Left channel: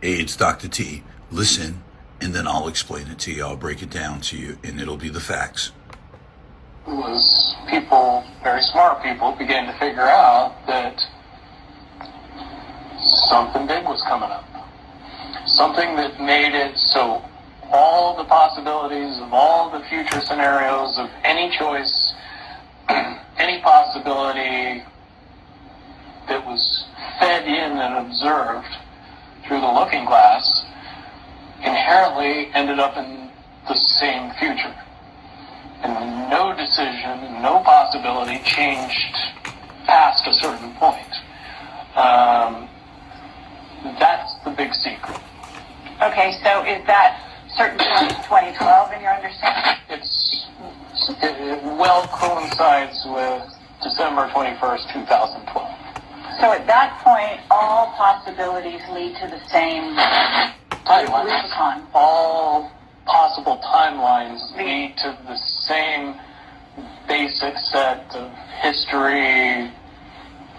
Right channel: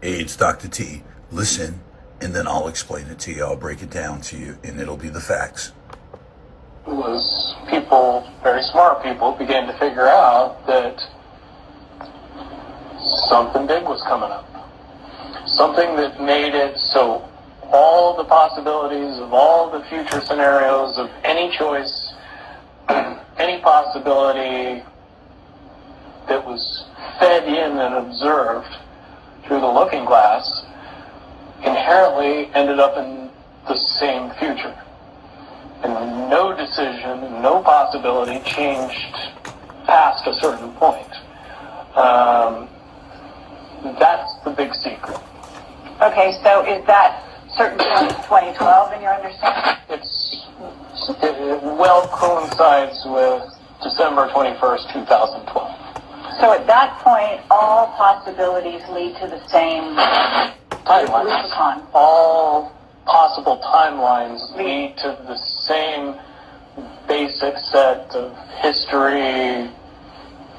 Hey, it's Dr. T. Listen, and then I'll explain it to you. I'll break it down to you, and it'll be the facts. Was people, very smart people, began to figure out that something big was coming up. Something that made it so all the possibilities of all the future scenarios of any choice, any possibility that was fed in and observed through the looking glass inherently ended up in the same future. And no decision, no possibility changed past a certain point. That's the big secret. Okay, so is that certain point 2012 in your understanding? It well coincides with December 21st, 2012. So at that point, all possibilities lead to the same Timelines. lexicon. All possible timelines lead to the same basic set of history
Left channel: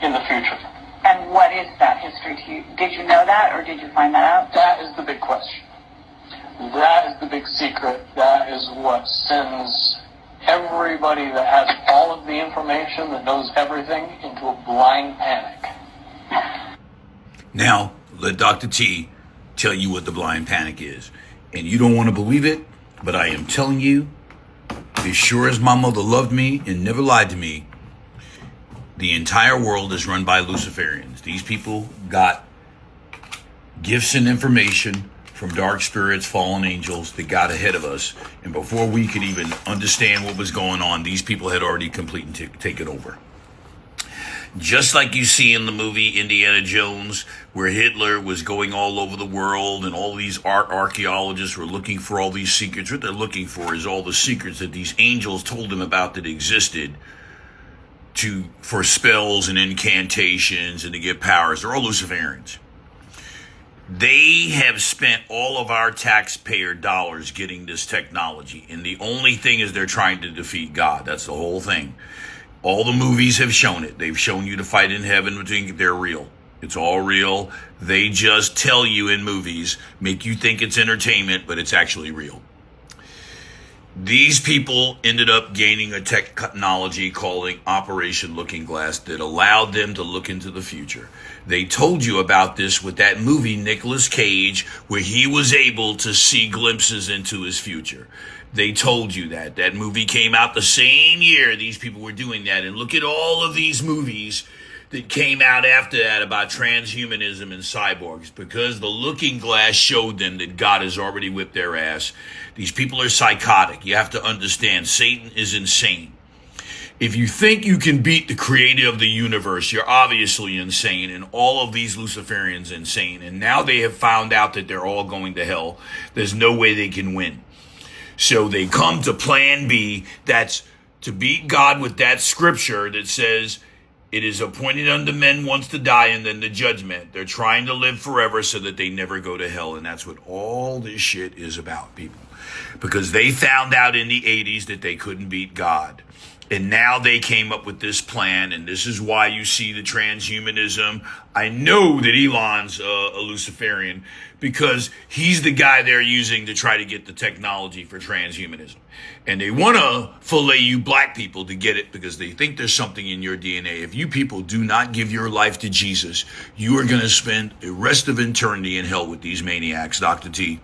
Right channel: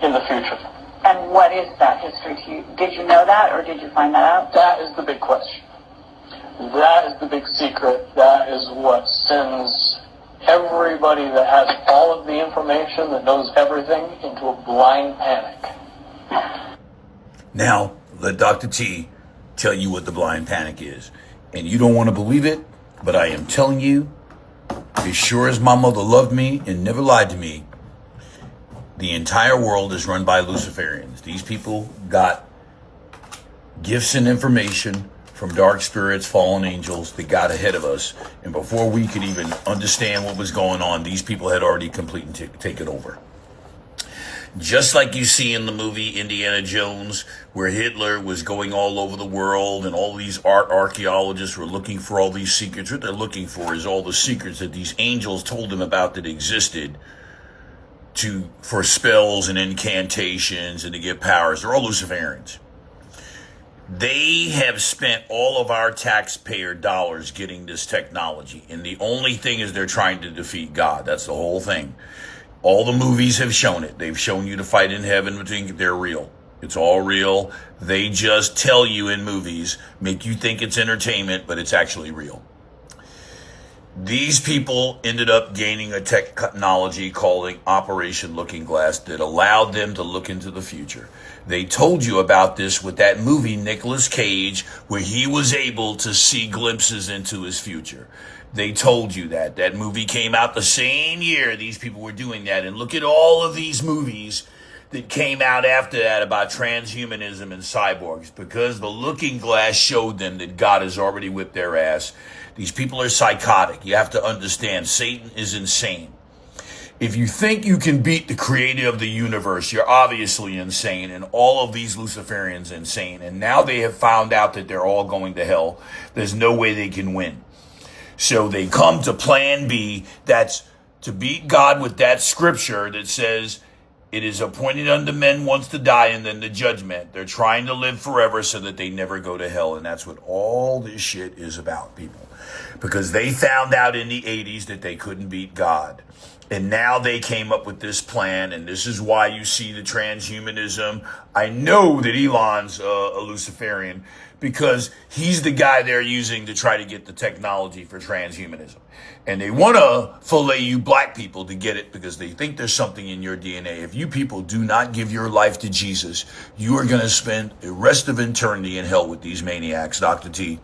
in the future. And what is that history to you? Did you know that, or did you find that out? That is the big question. That is the big secret. That is what sends everybody that has all of the information, that knows everything, into a blind panic. Now, let Dr. T tell you what the blind panic is. And you don't want to believe it, but I am telling you, as sure as my mother loved me and never lied to me, the entire world is run by Luciferians. These people got gifts and information from dark spirits, fallen angels that got ahead of us. And before we could even understand what was going on, these people had already completely taken over. Just like you see in the movie Indiana Jones, where Hitler was going all over the world and all these archaeologists were looking for all these secrets. What they're looking for is all the secrets that these angels told them about that existed for spells and incantations and to get powers. They're all Luciferians. They have spent all of our taxpayer dollars getting this technology. And the only thing is they're trying to defeat God. That's the whole thing. All the movies have shown it. They've shown you to fight in heaven, but they're real. It's all real. They just tell you in movies, make you think it's entertainment, but it's actually real. These people ended up gaining a technology called Operation Looking Glass that allowed them to look into the future. They told you about this with that movie, Nicolas Cage, where he was able to see glimpses into his future. They told you that. That movie came out the same year these people were doing that. And look at all of these movies that came out after that about transhumanism and cyborgs, because the looking glass showed them that God has already whipped their ass. These people are psychotic. You have to understand, Satan is insane. If you think you can beat the creator of the universe, you're obviously insane, and all of these Luciferians insane. And now they have found out that they're all going to hell. There's no way they can win. So they come to plan B, that's to beat God with that scripture that says, it is appointed unto men once to die and then the judgment. They're trying to live forever so that they never go to hell. And that's what all this shit is about, people. Because they found out in the 80s that they couldn't beat God. And now they came up with this plan, and this is why you see the transhumanism. I know that Elon's a Luciferian because he's the guy they're using to try to get the technology for transhumanism. And they want to fillet you black people to get it because they think there's something in your DNA. If you people do not give your life to Jesus, you are going to spend the rest of eternity in hell with these maniacs. Dr. T.